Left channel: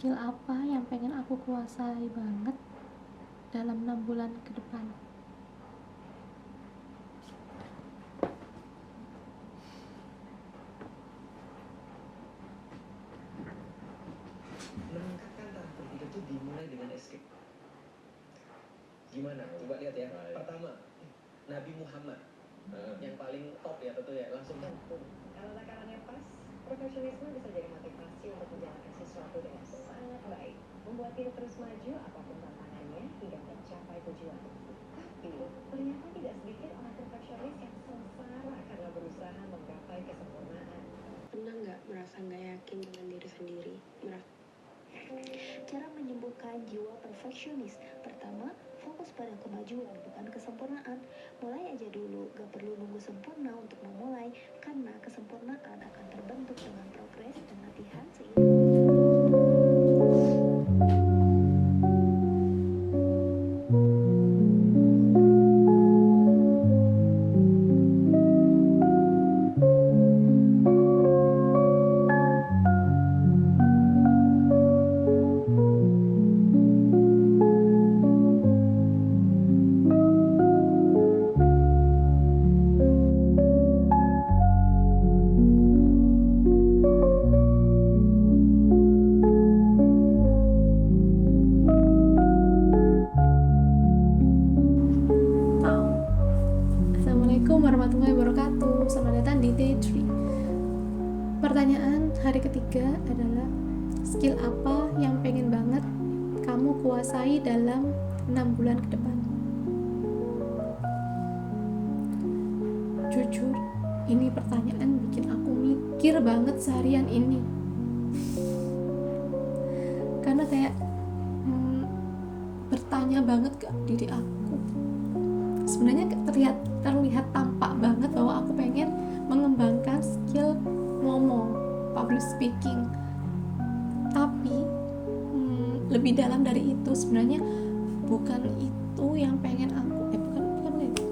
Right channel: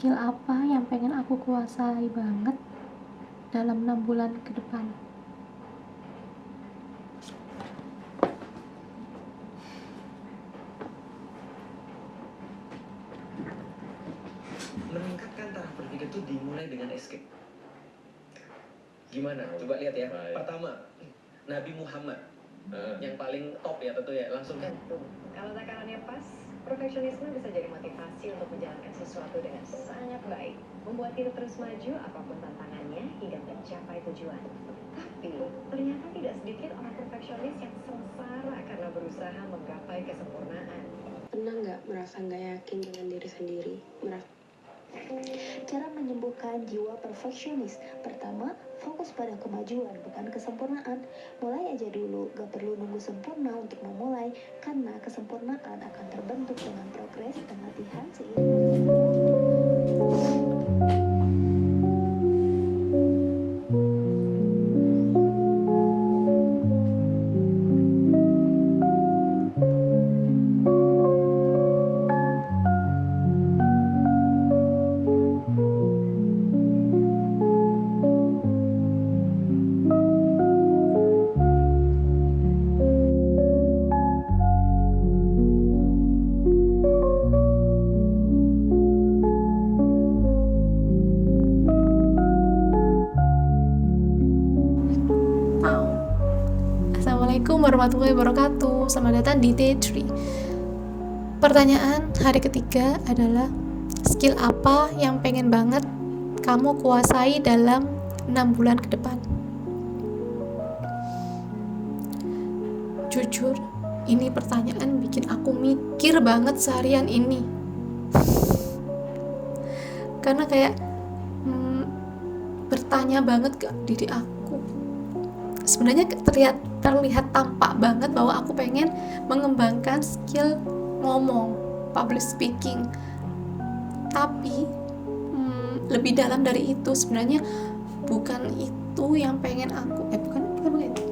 skill apa yang pengen aku kuasai banget dalam 6 bulan ke depan? Meningkatkan taraf berpikir itu dimulai dengan escape. Gimana? Coba lihat ya. Baik. Pertama, Nabi Muhammad yang paling top ya tentu ya. Langsung kan. Kalau takarannya pas, perfeksionisme bisa jadi motivasi untuk menjalankan sesuatu dengan sangat baik, membuat kita terus maju apapun tantangannya hingga mencapai tujuan. Tapi ternyata tidak sedikit orang perfeksionis yang sengsara karena berusaha menggapai kesempurnaan. Pernah nggak merasa nggak yakin dengan diri sendiri? Cara menyembuhkan jiwa perfeksionis. Pertama, fokus pada kemajuan, bukan kesempurnaan. Mulai aja dulu, gak perlu nunggu sempurna untuk memulai, karena kesempurnaan akan terbentuk dengan progres dan latihan seiring. Assalamualaikum warahmatullahi wabarakatuh. Selamat datang di Day 3. Pertanyaan hari ketiga adalah skill apa yang pengen banget kamu kuasai dalam 6 bulan ke depan? Jujur, ini pertanyaan bikin aku mikir banget seharian ini. Karena kayak bertanya banget ke diri aku. Sebenarnya terlihat tampak banget bahwa aku pengen mengembangkan skill ngomong, public speaking. Tapi lebih dalam dari itu sebenarnya bukan itu yang pengen aku bukan itu.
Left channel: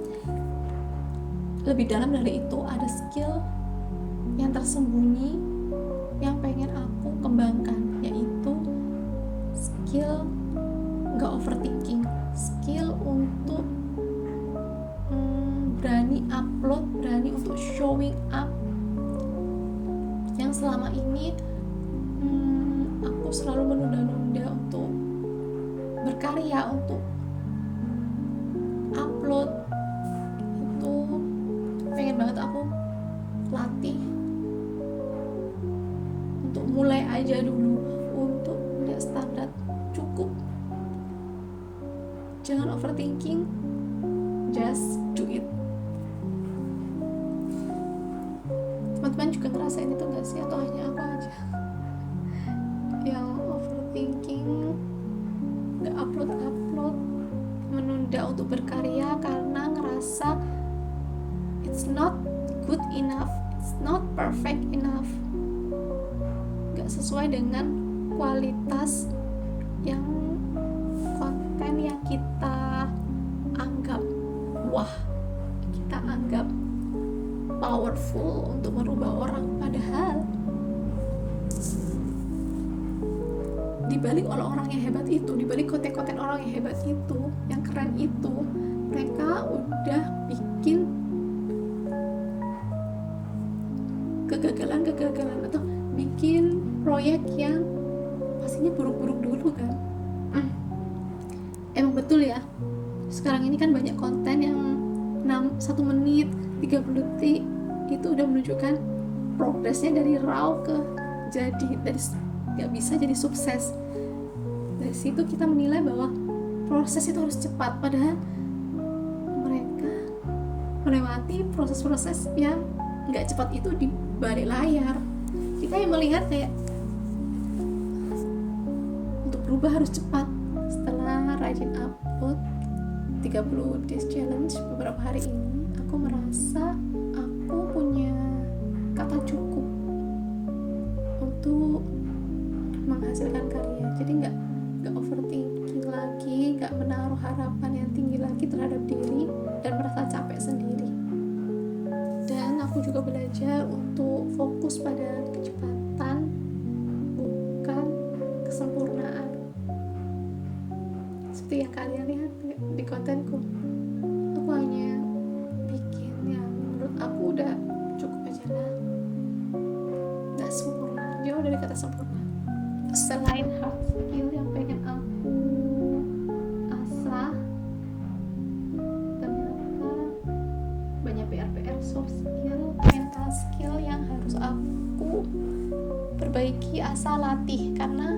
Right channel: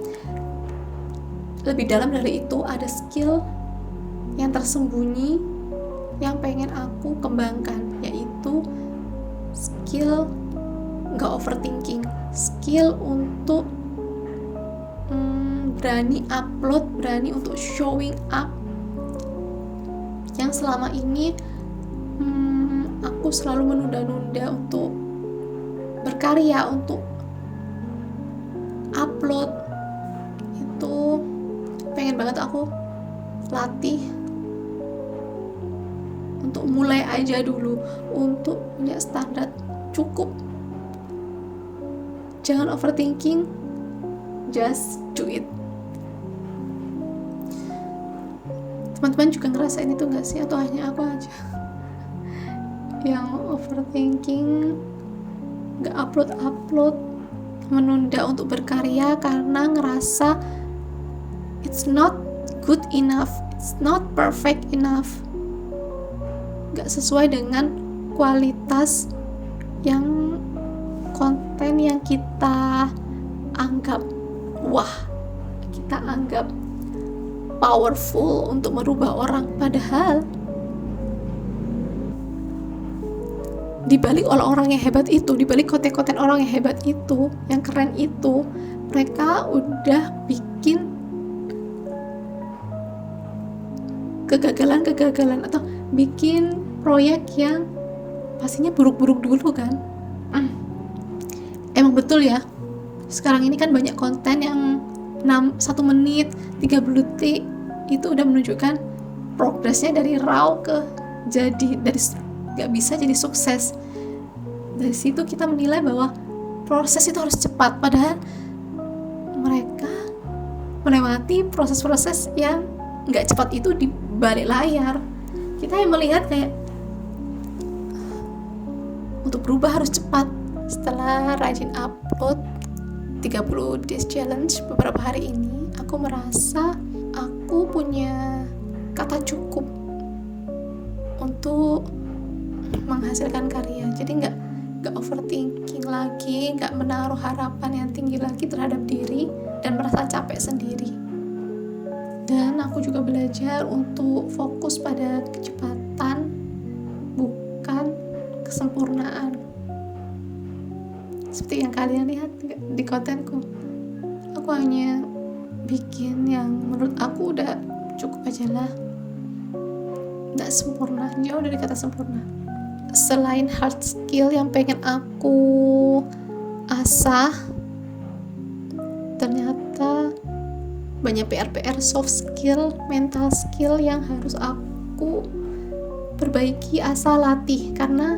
Lebih dalam dari itu ada skill yang tersembunyi yang pengen aku kembangkan, yaitu skill nggak overthinking, skill untuk berani upload, berani untuk showing up. Yang selama ini aku selalu menunda-nunda untuk berkarya, untuk upload. Itu pengen banget aku latih untuk mulai aja dulu, untuk punya standar cukup. Jangan overthinking, just do it. Teman-teman juga ngerasain itu gak sih? Atau hanya aku aja yang overthinking, gak upload, menunda untuk berkarya karena ngerasa it's not good enough, it's not perfect enough, gak sesuai dengan kualitas yang konten yang kita anggap kita anggap powerful untuk merubah orang. Padahal dibalik orang-orang yang hebat itu, dibalik konten-konten orang yang hebat itu, yang keren itu, mereka udah bikin kegagalan atau bikin proyek yang pastinya buruk-buruk dulu kan. Emang betul ya, sekarang ini kan banyak konten yang 1 menit 30 detik itu udah menunjukkan progresnya dari raw ke jadi, dari gak bisa jadi sukses. Dari situ kita menilai bahwa proses itu harus cepat, padahal mereka melewati proses-proses yang gak cepat itu di balik layar. Kita yang melihat kayak untuk berubah harus cepat. Setelah rajin upload 30 days challenge beberapa hari ini, aku merasa aku punya kata cukup untuk menghasilkan karya. Jadi nggak overthinking lagi, nggak menaruh harapan yang tinggi lagi terhadap diri dan merasa capek sendiri. Dan aku juga belajar untuk fokus pada kecepatan, bukan kesempurnaan. kontenku. Aku hanya bikin yang menurut aku udah cukup aja lah. Nggak sempurna, jauh dari kata sempurna. Selain hard skill yang pengen aku asah, ternyata banyak PR soft skill, mental skill yang harus aku perbaiki, asal latih. Karena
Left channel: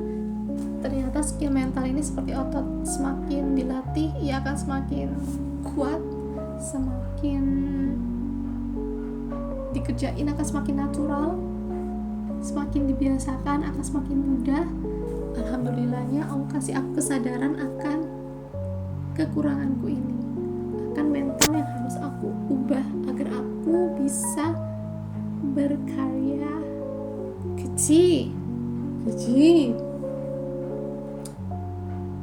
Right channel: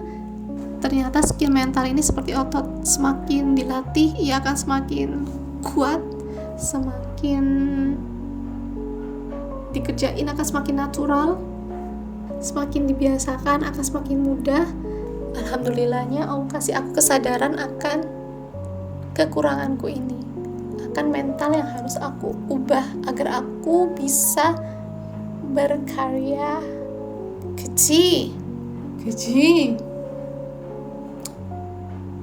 ternyata skill mental ini seperti otot, semakin dilatih ia akan semakin kuat, semakin dikerjain akan semakin natural, semakin dibiasakan akan semakin mudah. Alhamdulillahnya Allah kasih aku kesadaran akan kekuranganku ini, akan mental yang harus aku ubah agar aku bisa berkarya. Kecil.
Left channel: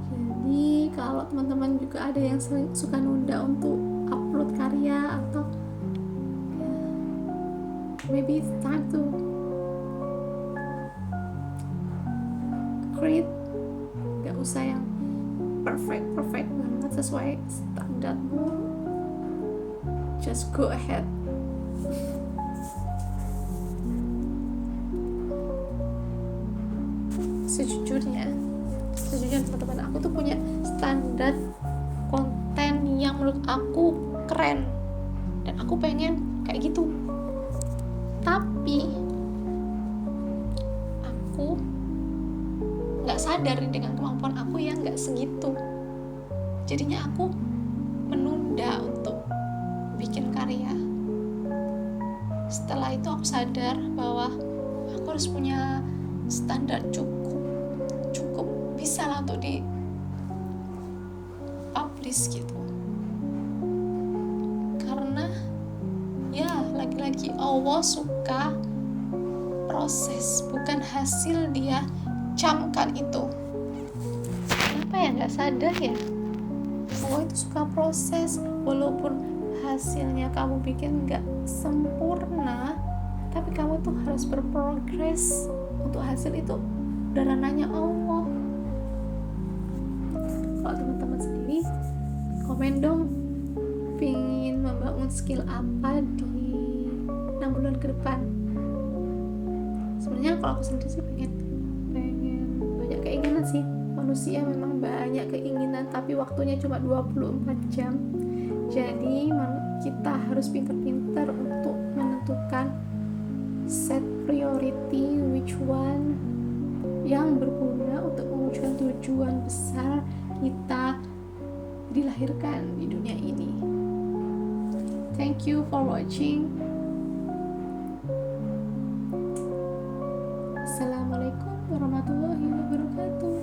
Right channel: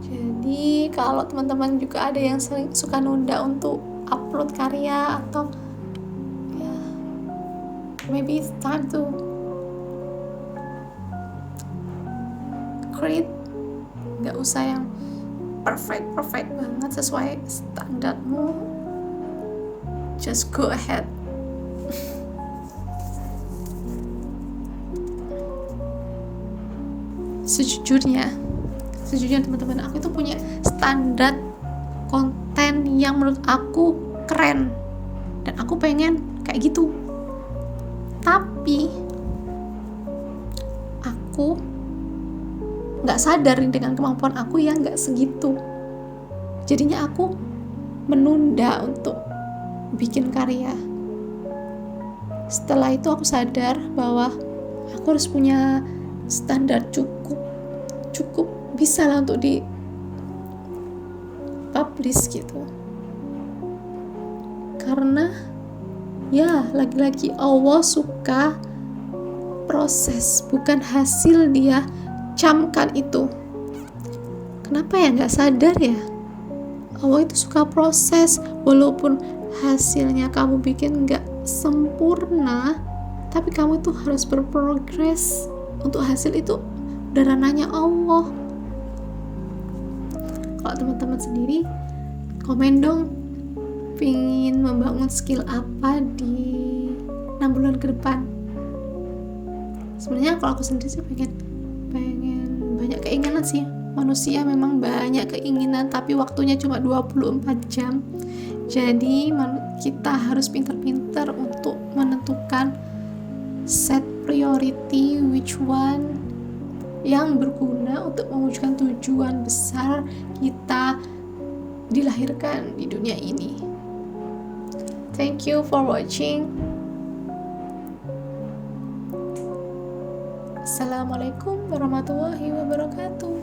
Jadi kalau teman-teman juga ada yang sering suka nunda untuk upload karya atau ya, maybe it's time to create. Gak usah yang perfect banget sesuai standarmu, just go ahead. Sejujurnya teman-teman, aku itu punya standar konten yang menurut aku keren dan aku pengen kayak gitu, tapi aku nggak sadar dengan kemampuan aku yang nggak segitu. Jadinya aku menunda untuk bikin karya. Setelah itu aku sadar bahwa aku harus punya standar cukup bisa lah untuk di publish gitu. Karena ya lagi-lagi Allah suka proses, bukan hasil. Dia camkan itu. Kenapa ya nggak sadar ya? Allah itu suka proses, walaupun hasilnya kamu bikin nggak sempurna, tapi kamu itu harus berprogres. Untuk hasil itu udah ranahnya Allah. Kalau teman-teman sendiri, komen dong, pengen membangun skill apa di 6 bulan ke depan. Sebenarnya kalau aku sendiri sih pengen banyak keinginan sih. Manusia memang banyak keinginan, tapi waktunya cuma 24 jam. Jadi kita harus pintar-pintar untuk menentukan set priority, which one yang berguna untuk mewujudkan tujuan besar kita dilahirkan di dunia ini. Thank you for watching. Assalamualaikum warahmatullahi wabarakatuh.